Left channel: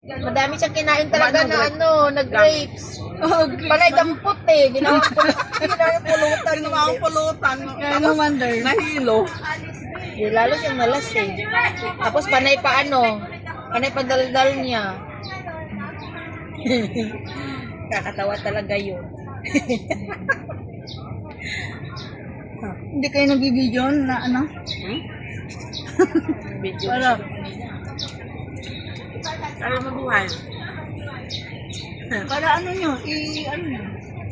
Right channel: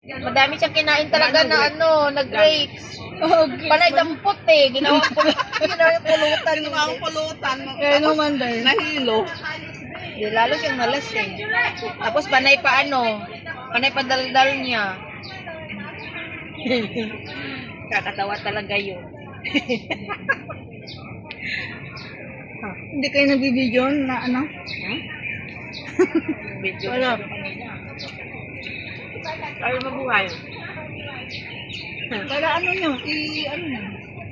Madami siyang kinain talaga na na grapes. Palay dampot eh. Ginawang pulutan. Ginawang pulutan. Kaya no wonder. Nahilo. Lalo siyang nalasing. Tapos panay pa panay pa daldal niya. Kakatawa talaga yun. Hindi kayo nagbibideo na ano? Video Wala. Ayaw mabuhay. Para ano nyo? Ano nyo?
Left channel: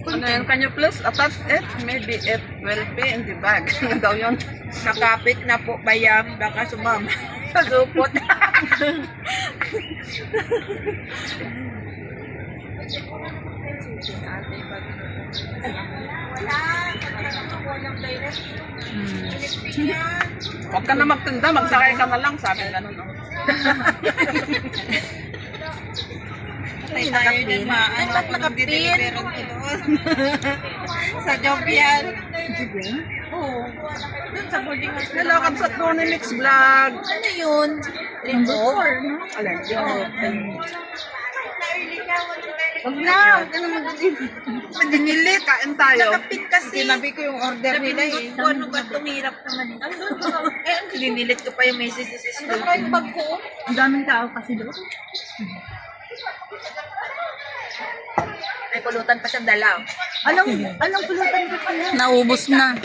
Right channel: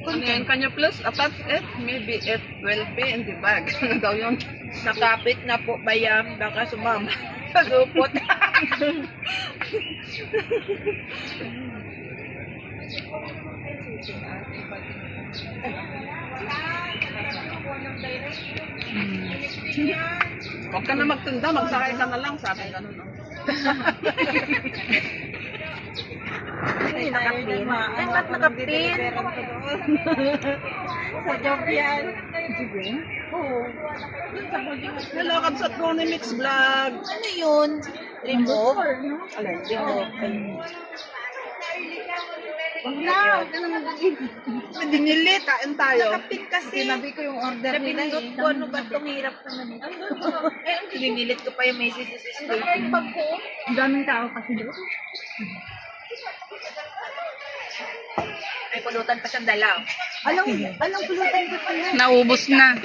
Ano yan kanya plus? Attach it. Maybe it will be in the bag. Daw yun. Nakapit na po bayam. Baka sumama. Sa supot. Huwag ka na magtinda. Magsakay ka na lang. Sabi ganun. Ay, tayo dyan Ba't nakapin? Sa job yan. Oo. Sa boarding house. Nalakad sa Tony Mix Vlog. Ano yun? Remote? Alin? Huwag na, huwag ka na magdudin. Dinilit. Kain tayo. Nakapit kasi. Sinabi ko yung order nila eh. Ko, ano ba itong hirap naman eh. Linilit ko pa yung may sisisis ko. Yung bag ko. Ang daming tao kasi doon. May pulutan pa siyang dala. Anong pulutan ko pala? Naubos na.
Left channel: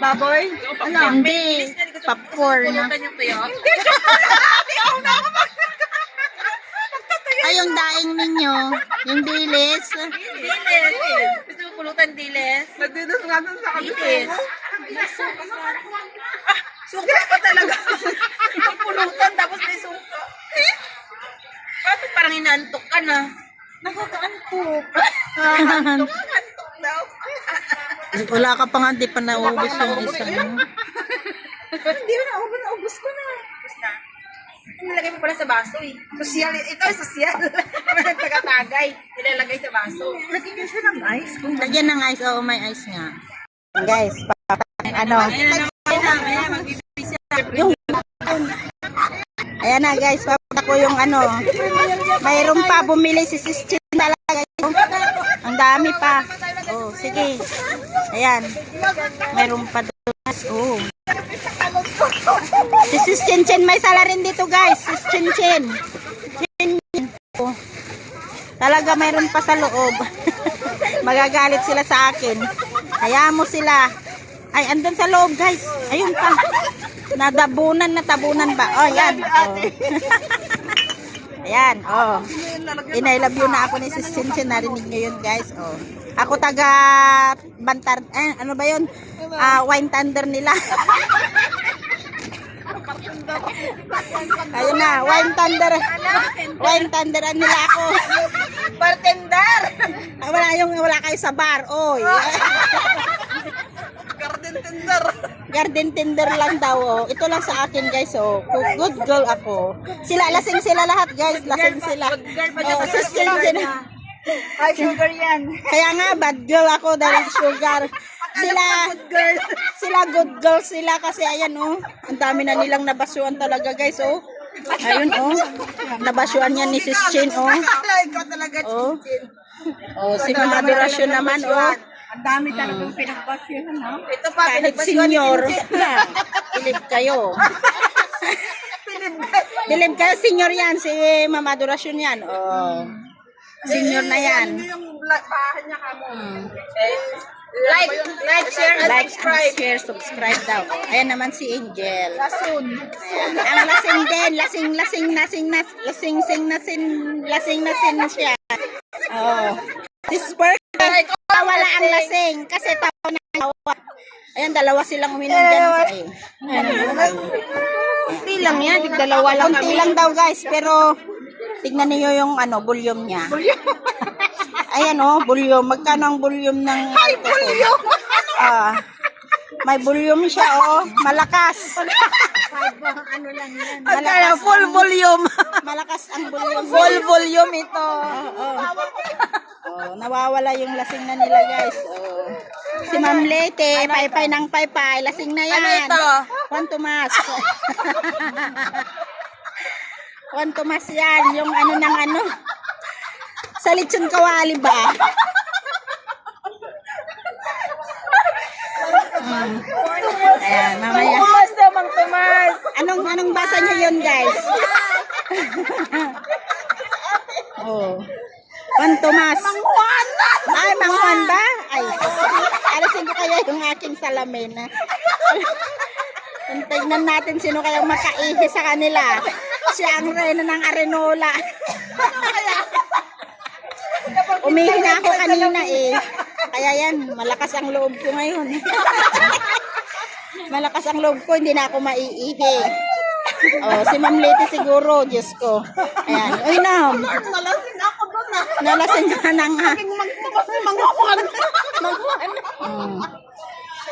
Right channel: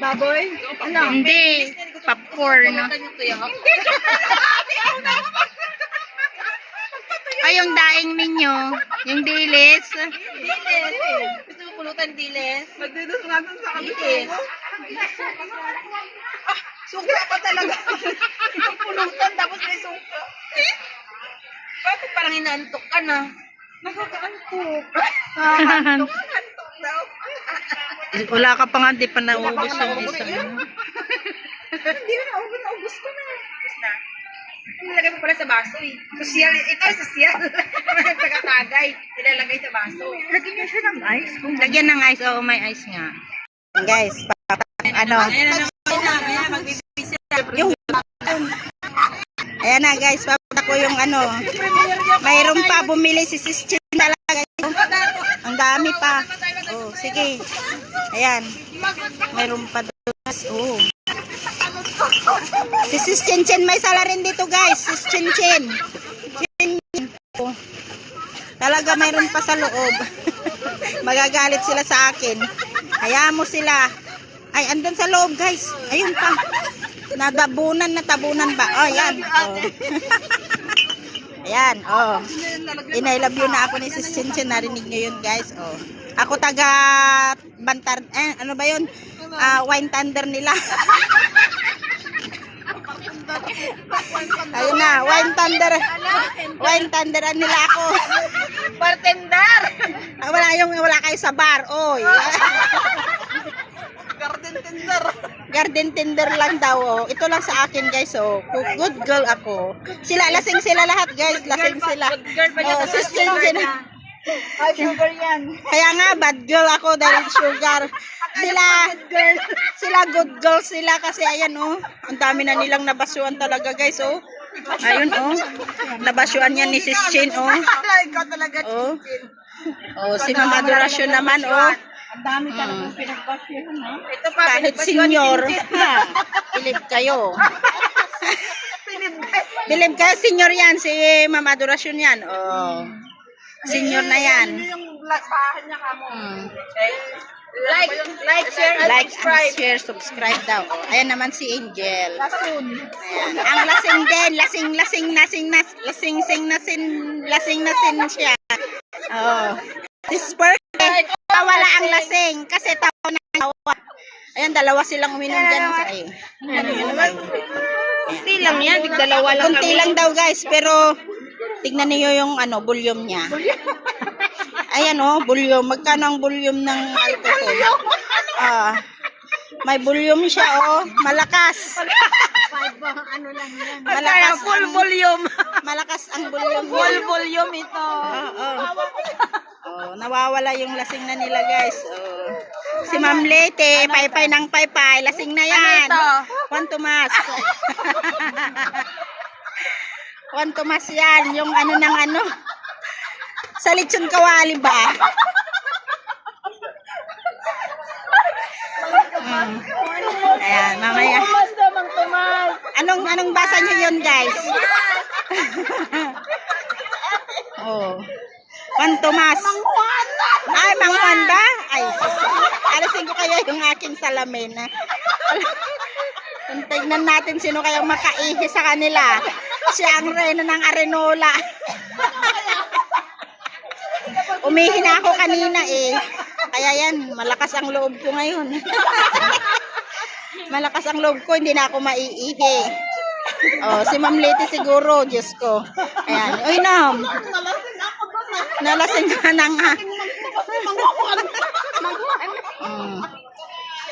Baboy? Ano? Hindi. Popcorn. Pulutan yung tuyo. Ay, yung daing ninyo. Yung dilis. Diles. Gusto mo pulutan diles? Nadidas nga dun sa kabila. Diles. Suka pa talaga. Ang pulutan tapos may suka. Bakit parang inaantok ka na? Nakakaantok. Nakakaantok daw. Wala ka pa nga, di pa naubos yung isang. Hindi na naubos ko na. Ubus na. Nilagay mo pala sa baso eh. Sosyal. Ito ay sosyal. Taga-tagay. Nilalagay sa baso. Lagyan nyo siya ng ice. Lagyan ng ice. Oo, may ice nga. Guys, ano. Yung ayan na guys, papakita ko yung ano. Mayroon pa, bumili si Sistine talaga. Ang dami pa. Oh, sige. Ayan. Mayroon pa doon. Oh. Si Sis Chin may sala rin dito guys. Sis Chin. Oh. Talaga mayroon pa sa loob. Magagalit sila sa akin. Hayaan mo sila. Ay, andun sa loob guys. Ayun pa. Natabunan ba? Oh, yan. Oh. Ayan, oh. I love you na ako ni Sis Chin. Narinig nyo yun guys. Oh. Ako taga Bantar, ano ba yun? Wine Thunder nila. Ayun na, Wine Thunder. Wine Thunderan nila ako. Bartender! Wala kayo sa bar. Oy. Garden tender lang daw. Oh. Ito lang sa akin guys. Oh. Good girl ako. Lasing sila lahat guys. Lasing sila. Oh, sister din. Ay, sugar yan. Kaya nga bad girl ako dahil sugar. Sila good girl sila kasi ayan oh. Ang dami na nilang nabasyuan talaga guys oh. Ayun oh. Nabasyuan yan ni Sis Chin oh. Ikaw talaga, Oh. Oh, si Mama Adorasyon naman oh. Ang dami talagang pinagbasyahan ha. Ito pa, Kahit senior, bilib kayo. Bilib kayo, senior yan. Si Mama Adorasyon yan. Oh. Senior na yan. Yung pahan niya ka mo. like, share, and Like subscribe. and share, subscribe daw. Ayan naman si Angel. Lason. Ayan. Ang lasing din. Lasing siya. Oh. This birthday, wala ang lasing. Kasi tawa na tawa. Ayan, dalawa silang uminom dyan. Hindi lang yan, dalawa lang. Kunti lang daw guys, pero tignan niyo yung ano, volume niya. Ayan oh, volume. Magkano ang volume ng alcohol? May volume siya oh, malakas. Ano lang yan. Malakas Full volume. Malakas ang volume. Full volume ito. Oh, nawawala yung lasing na nila guys. Oh. Si Ma'am Lete, paypay ng paypay, lasing na yan. Ano ito? Juan Tomas. Juan Tomas yan. Yung ano ng ano. Sa lechon kawali ba? Ayan, mamaya. Tomas na, Mang Tomas. Anong basa nyo yun, guys? Oh. Juan Tomas. Ay, Mang Juan ba? Ay, alasin ko kayo yung aking salamin. Tignan natin sino kayang makaihi sa kanila. Siya ang reyna ng Arenola. Umihi na ako kanina eh. Kaya yan, malakas ang loob ko ngayon. Malakas ang loob ko, hindi na ako maiihi. Oh, si Ma'am Leti siguro, Diyos ko. Ayan. Uy, Nam. Nalasing ako doon na. Nalasing ka na nga.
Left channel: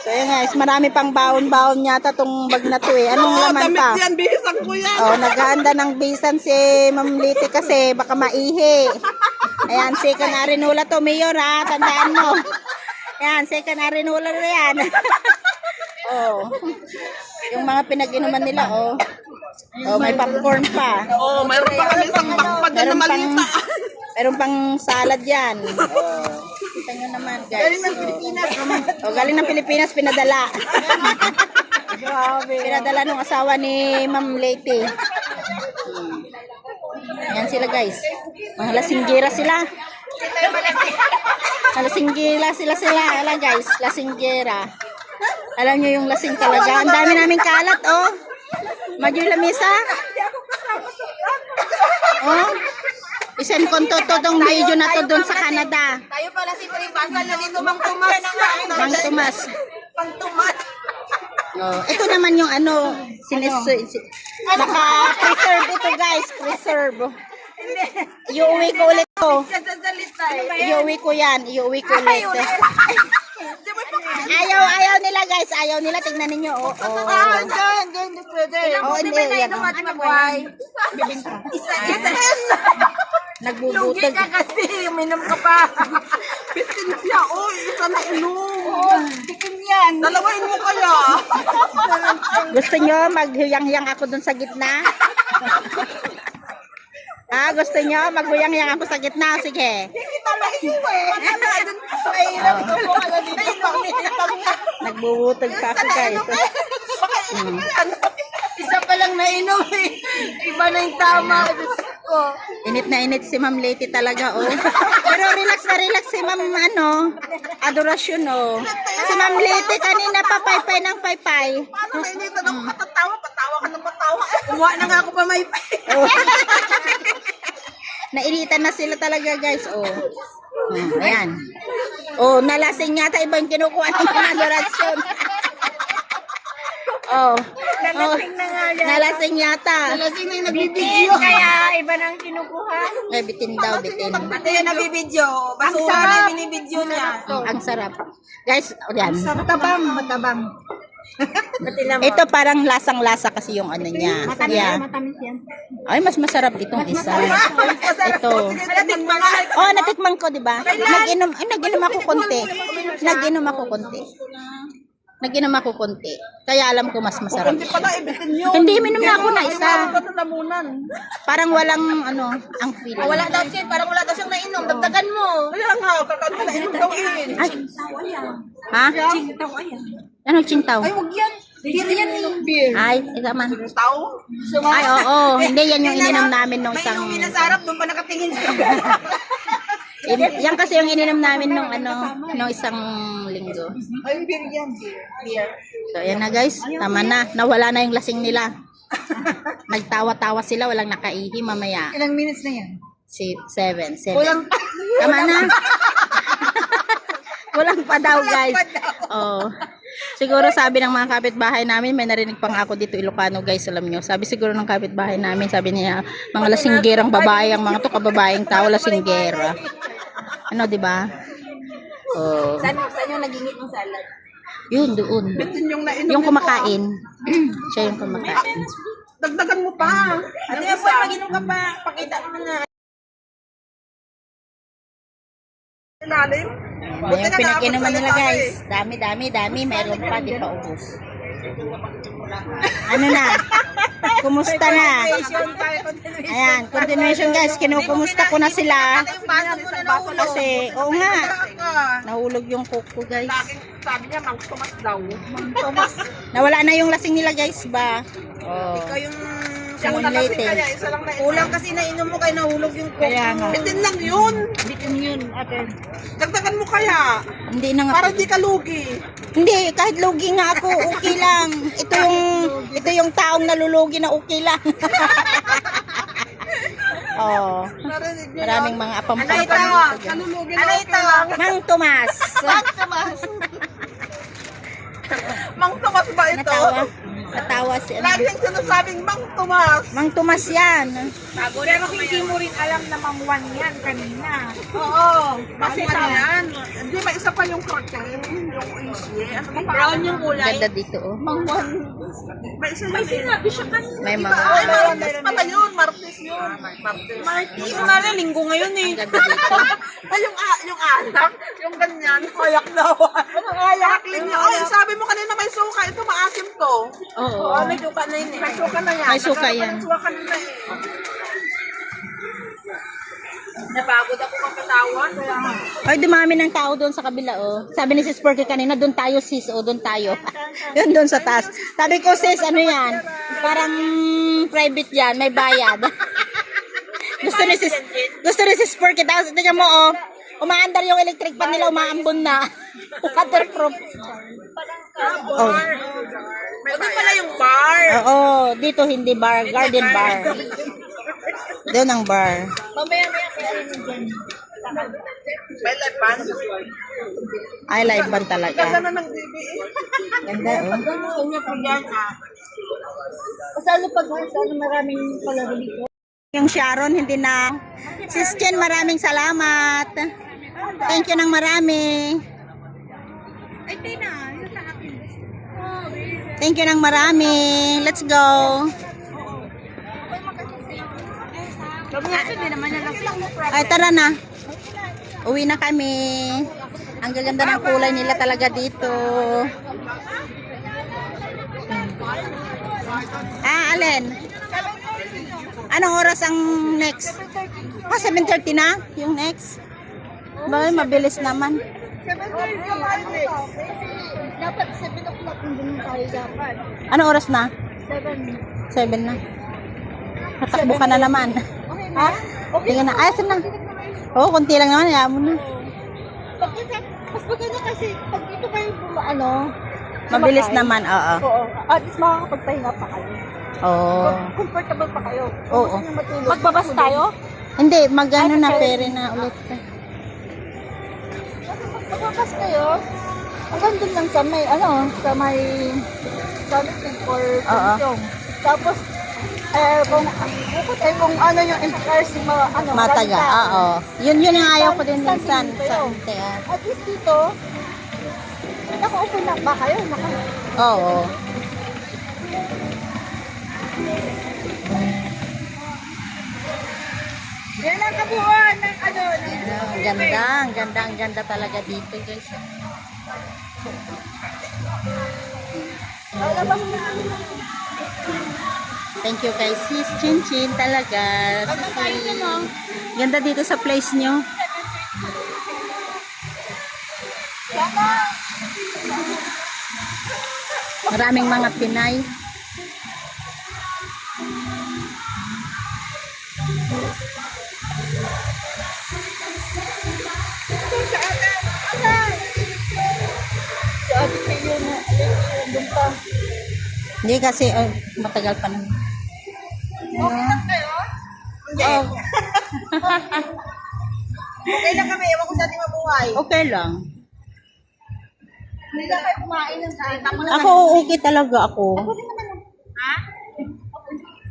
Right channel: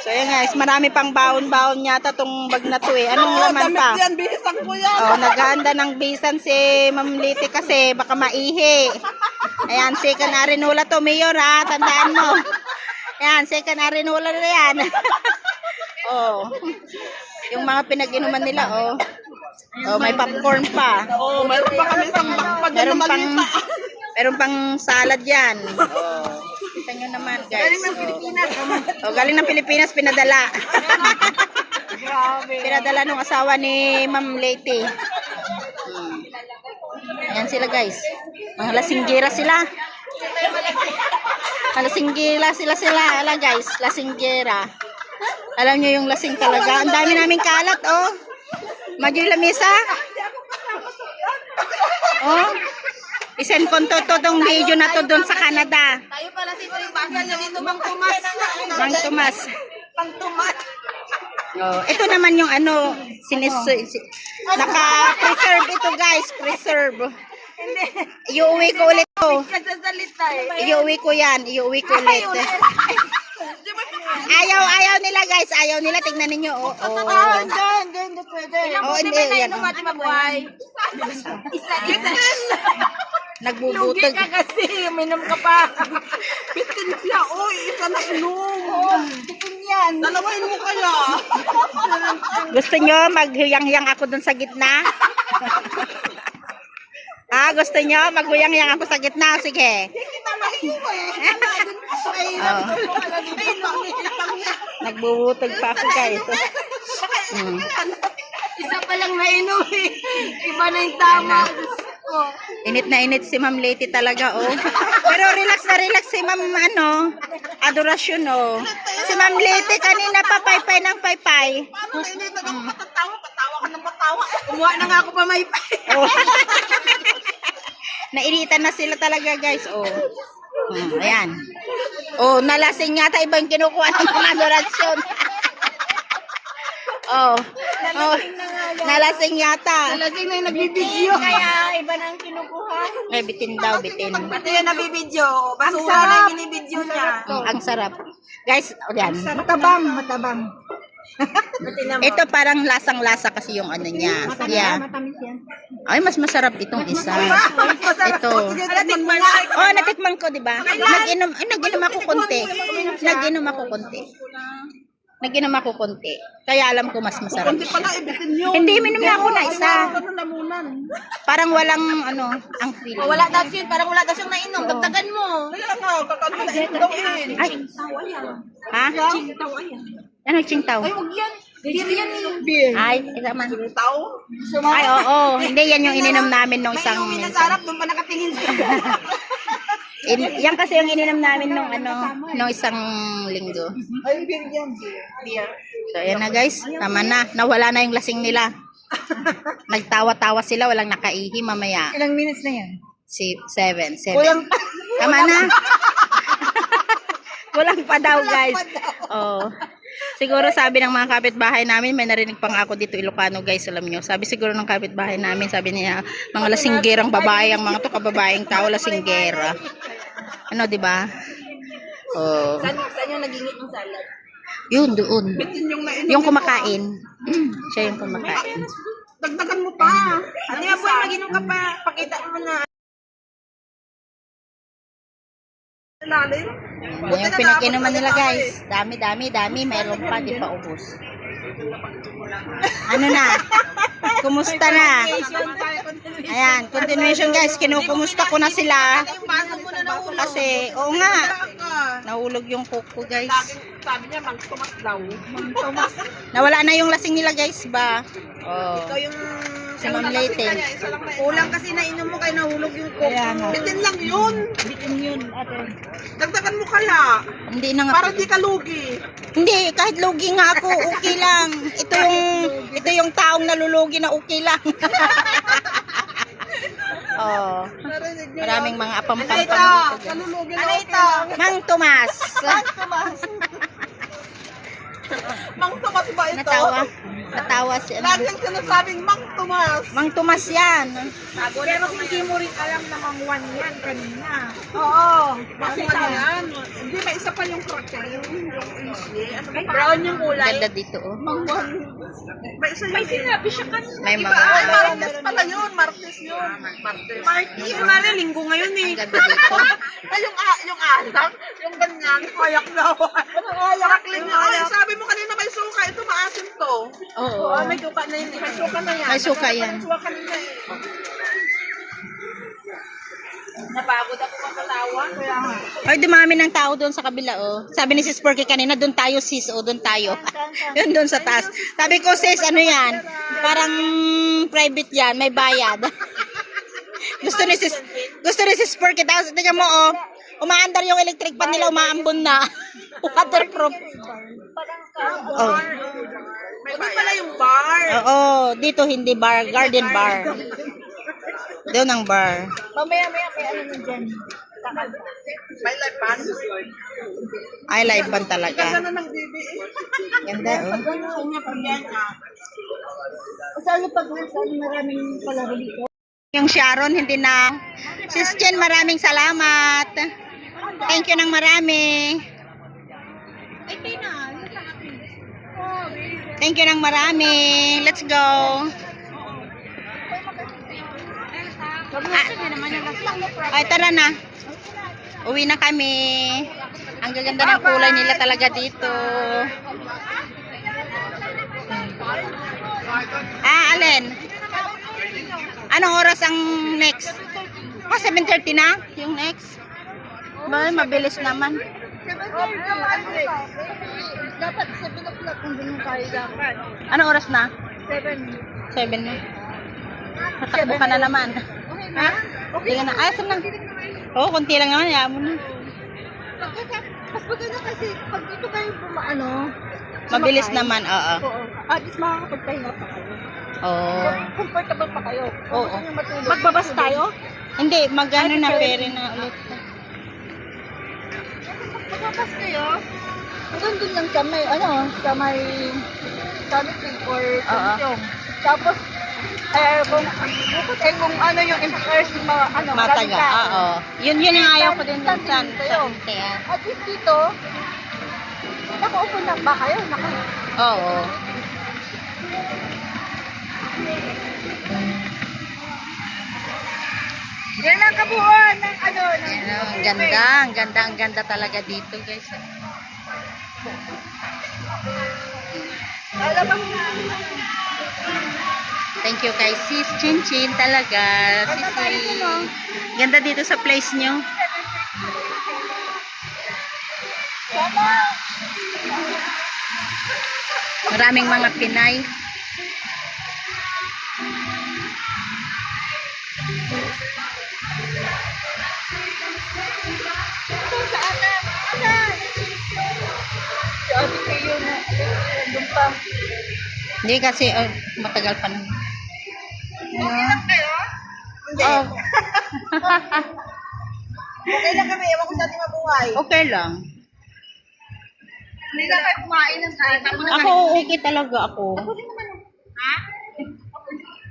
So, ayan guys, marami pang baon-baon yata tong bag na to eh. Anong laman pa? Damit yan, bihisan ko yan. Oh, naghahanda ng bisan si Ma'am Leti kasi baka maihi. Ayan, second Arenola to, Mayor ha. Tandaan mo. Ayan, second Arenola na yan. Oh. Yung mga pinag-inuman nila, oh. Oh, may popcorn pa. Oh, meron pa kami isang bakpa dyan Meron na pang malita. meron pang salad yan. Oh. Kita nyo naman, guys. Oh, galing ng Pilipinas, pinadala. Pinadala nung asawa ni Ma'am Leti. Yan sila, guys. Mga lasinggera sila. Lasinggera sila. Alam, guys, lasinggera. Alam nyo yung lasing talaga. Ang dami naming kalat, oh. Madyo lamisa. Oh. Isend ko tong video na to doon sa Canada. Tayo pala si Palibasa niya dito, Mang Tomas. Mang Tomas. Mang Tomas. Oh, ito naman yung ano, naka-preserve ito, guys, preserve. Iuwi ko ulit to. Kasasalita eh. Iuwi ko yan, iuwi ko ulit. Ayaw nila, guys, ayaw nila, tingnan ninyo. Oh, oh. Hindi pwede. Oh, hindi, yan. Oh. Mabuhay. Isa. Nagbubutog. Ka kasi, uminom ka pa. Bitin siya, oy. Isa na inom. Tikin yan. Dalawain mo kaya. Gusto nyo maghuyang-yang ako dun sa gitna? Gusto nyo maghuyang-yang ako sa gitna? Sige. Oh. Nagbubutog pa ako, guys. Isa pa lang nainom eh. Iba na yung tama. Init na init si Ma'am Leti talaga, oh. Pero relax na relax si Ma'am, Adorasyon, oh. Si Ma'am Leti kanina pa paypay ng paypay. Paano nainitan ako patatawa? Patawa ka ng patawa. Kumuha na nga ako pa may Oh. Nainitan na sila talaga, guys, oh. Ayan. Oh, nalasing yata iba yung kinukuha ng mga Adorasyon. Oh. Nalasing na nga yan. Nalasing yata. Nalasing na yung nagbibideo. Kaya iba nang kinukuha. Eh, bitin daw, bitin. Pati yung nabibideo. Basura na yung binibideo niya. Ang sarap. Guys, yan. Matabang. Ito parang lasang-lasa kasi yung ano niya. Yeah. Matamis yan. Ay, mas masarap itong isa. Ito. Oh, natikman ko, 'di ba? Nag-inom ako konti. Nag-inom ako konti. Kaya alam ko mas masarap. Hindi pala, bitin yun. Hindi, minom na ako na isa. Ganun lamunan. Parang walang ang feeling. Wala daw siya. Parang wala daw siyang nainom. Dagdagan mo. Kaya nga, kakanta na inom daw yun. Ay. Ha? Ano chingtaw? Ay, huwag yan. Beer yan eh. Beer. Ay, isa man. Tao? Ay, oo. Hindi yan yung ininom namin nung isang... May inumin sa harap. Doon pa nakatingin siya. Yan kasi yung ininom namin nung nung isang linggo. Ay, beer yan. Beer. So, ayan na, guys. Tama na. Nawala na yung lasing nila. Nagtawa-tawa sila. Walang nakaihi mamaya. Ilang minutes na yan? 7. Tama na. Kulang pa daw, guys. Oh. Siguro sabi ng mga kapitbahay namin, may narinig pang ako dito Ilocano, guys, alam nyo. Sabi siguro ng kapitbahay namin, sabi niya, mga lasinggerang babae, ang mga to kababaeng tao, lasinggera. Ano, di ba? Oh. Saan yung nagingit ng salad? Yun, doon. Bitin yung nainom. Yung kumakain. Siya yung kumakain. Dagdagan mo pa. Ano yan po? Mag-inom ka pa. Pakita mo na. Ilalim. Yung pinag-inuman nila, guys. Dami. Mayroon pa, di pa ubos. Ano na? Kumusta na? Ayan, continuation guys. Kinukumusta ko na sila. Kasi, oo nga. Nahulog yung kuko guys. Sabi niya, Mang Tomas daw. Nawala na yung lasing nila guys ba? Oh. Ikaw yung Si Ma'am Leyte. Isa lang na kulang kasi nainom mo kaya nahulog yung coke. Kaya nga. Bitin lang yun. Bitin yun, ate. Dagdagan mo kaya. Hindi na nga. Para di ka lugi. Hindi, kahit lugi nga ako, okay lang. Ito yung taong nalulugi na okay lang. Oh. Narinig niyo Maraming mga apam-pam ito? dito. guys. Nalulugi na Ano okay ito? lang. Mang Tomas. Mang Tomas ba ito? Natawa si ano. Laging sinasabing Mang Tomas. Mang Tomas yan. Pero hindi mo rin alam na mangwan yan kanina. Oo. Kasi ano yan? Hindi, may isa pa yung curtain. Yung isye. Ano ba pa? Brown yung kulay. Ganda dito oh. Mangwan. May isa yung sinabi siya kanina. May mga Ay, Martes pala yun. Martes yun. Martes. Hindi ko na linggo ngayon eh. ang ganda dito. Ay, yung alak. Yung ganyan. Kayak na. Anong alak? Ay, sabi mo kanina may suka. Ito maasim to. Oo. May duka na yun eh. May suka na yan. May suka yan. May suka kanina eh. Napagod ako kakatawa. Ay, dumami ng tao doon sa kabila, oh. Sabi ni Sis Porky kanina, doon tayo, sis, oh, doon tayo. Yun doon sa taas. Sabi ko, sis, ano yan? Parang private yan, may bayad. gusto ni Sis Porky, tapos tingnan mo, oh, umaandar yung electric pan nila, umaambon na. Waterproof. Oh. Pwede pala yung bar. Oo, dito hindi bar, garden bar. Doon ang bar. Mamaya-maya kaya ano dyan. May live band. Ay, live band talaga. Ganda na ng bibi eh. Ganda, oh. Kanya pa yan, ah. Kasali pag maraming palaro dito. Yung Sharon, hindi na. Sis Jen, maraming salamat. Thank you ng marami. Ay, Tina, yun sa akin. Thank you ng marami. Let's go. Hindi naman yung Ay, tara na. Uwi na kami. Ang gaganda ng kulay nila talaga dito. Alin? Anong oras ang next? 7:30 na? Yung next? Ba, mabilis naman. Dapat 7 o'clock kung doon tayo dapat. Anong oras na? 7. 7 na. Tatakbo ka na naman. Ha? Tingnan na. Ay, saan na? Oo, konti lang naman. Hayaan mo na. Mas maganda kasi pag dito kayo ano, Mabilis naman, oo. oo. At least makakapagpahinga pa kayo. Oo. Comfortable pa kayo. Oo. Magbabas tayo? Hindi, magano na ferry na ulit. Magbabas kayo? Hanggang doon lang sa may, ano, sa may Sunday or Tunjong. Tapos, kung ano yung empires ng mga, ano, Mataga, galing na. oo. Yun ang ayaw ko din minsan Dito sa yun. kaya. At least dito, nakaupo na ba kayo? Oo. Yan ang kabuuan ng ano, ng Ayan, ang ganda talaga dito, guys. Thank you kay Sis Chinchin talaga. Sisi. Ganda dito sa place nyo. Maraming mga Pinay. sabi kayo na doon pa. Hindi kasi matagal pa naman. Oh. Okay lang kami, ewan ko sa ating mabuhay. Okay lang. Hindi na kayo kumain ng kain. Ako okay talaga ako.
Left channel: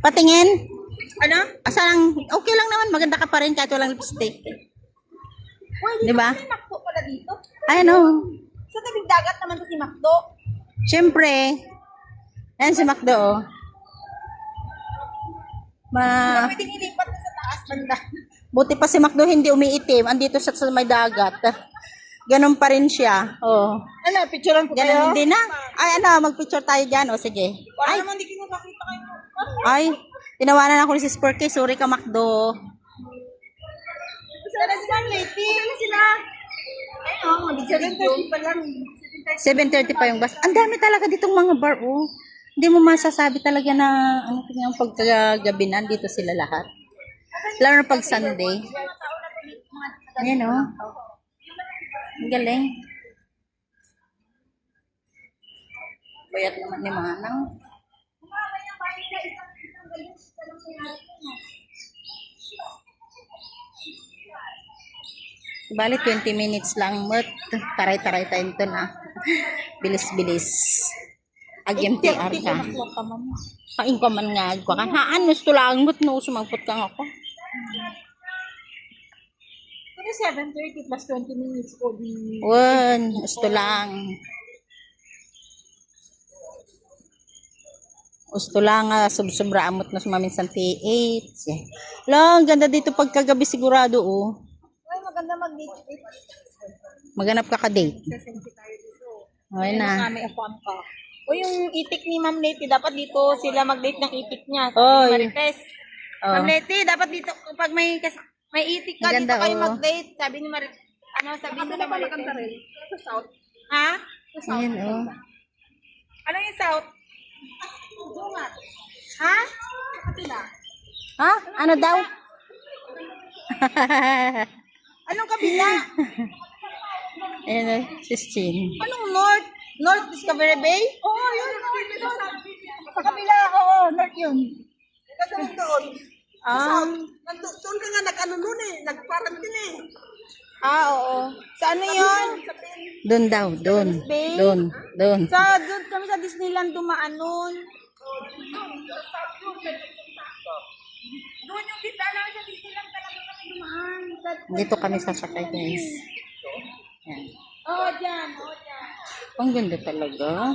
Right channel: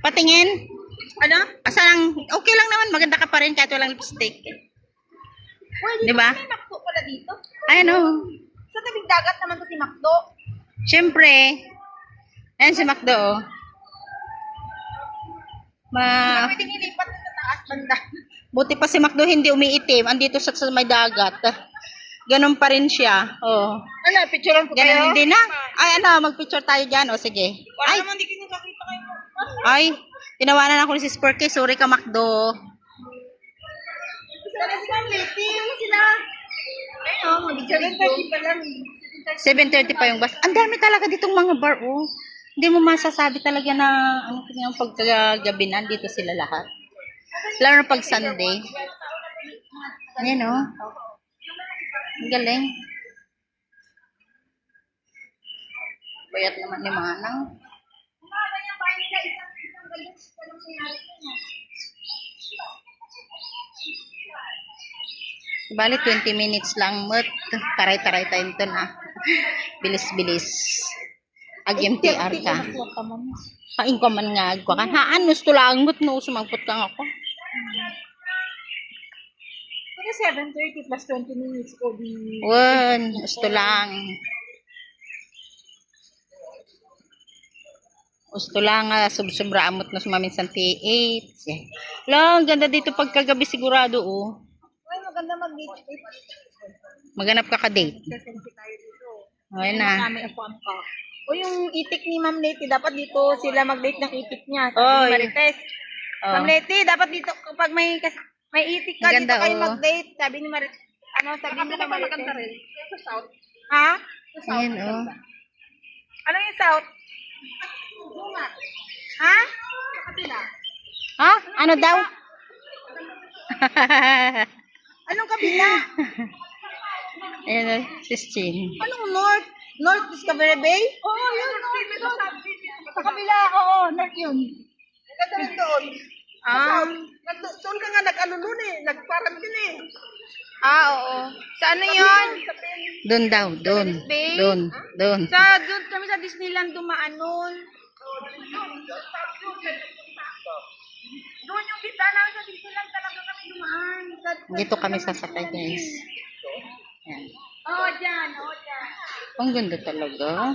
Patingin? Ano? Asa lang, okay lang naman, maganda ka pa rin kahit walang lipstick. Di ba? May Macdo pala dito. Ano? Sa tabing dagat naman to si Macdo. Siyempre. Ayan si Macdo. Oh. Pwede nilipat na sa taas banda. Buti pa si Macdo hindi umiitim. Andito siya sa may dagat. Ganon pa rin siya. Oh. Ano, picturean ko Ganon hindi na. Ay ano, magpicture tayo dyan. O sige. Para Ay, naman di ko nakakita kayo. Ay, tinawanan ako ni Sis Perky. Sorry ka, Macdo. Sana si Ma'am Leti. Sana sila. Ayun, mag-video. 7:30 pa lang. 7:30 pa yung bus. Ang dami talaga ditong mga bar, oh. Hindi mo masasabi talaga na ano yung pagkagabi dito sila lahat. Lalo na pag Sunday. Ayan, oh. Ang galing. Bayat naman ni Manang. Bali, 20 minutes lang. Taray-taray tayo ito na. Bilis-bilis. Ag-MTR ka. Kain ko man nga. Haan, gusto lang. No, sumangpot kang ako. Pero 7:30 plus 20 minutes ko di. Gusto lang. Gusto lang nga. Sobra amot na sumaminsan T8. Lang, ganda dito pagkagabi sigurado, oh. Ay, maganda mag-date. Maganap ka ka-date. Ayun na. Kami afam ka. O yung itik ni Ma'am Leti, dapat dito sila mag-date ng itik niya. Sabi Oy. ni Marites. Oh. Ma'am Leti, dapat dito kapag may itik ka, Maganda, dito kayo oh. mag-date. Sabi ni Marites. Ano, sabi ni Ma'am Marites. Sa South. Ha? Ayan, oh. Ano yung South? Ha? Ha? Ano daw? Anong kabila? Ayan, oh. Sis Chin. Anong North? North Discovery Bay? Oo, yun. North. Sa kabila, oo. North yun. Ganda rin doon. Ah. Doon ka nga nag-ano nun eh. Nagparang din eh. Ah, oo. Sa ano yun? Doon daw, doon. Bay? Doon. Sa doon kami sa Disneyland dumaan nun. Doon yung kita namin sa Disneyland talaga kami dumaan. Dito kami sasakay, guys. Ayan. Oo, dyan. Oo, dyan. Ang ganda talaga.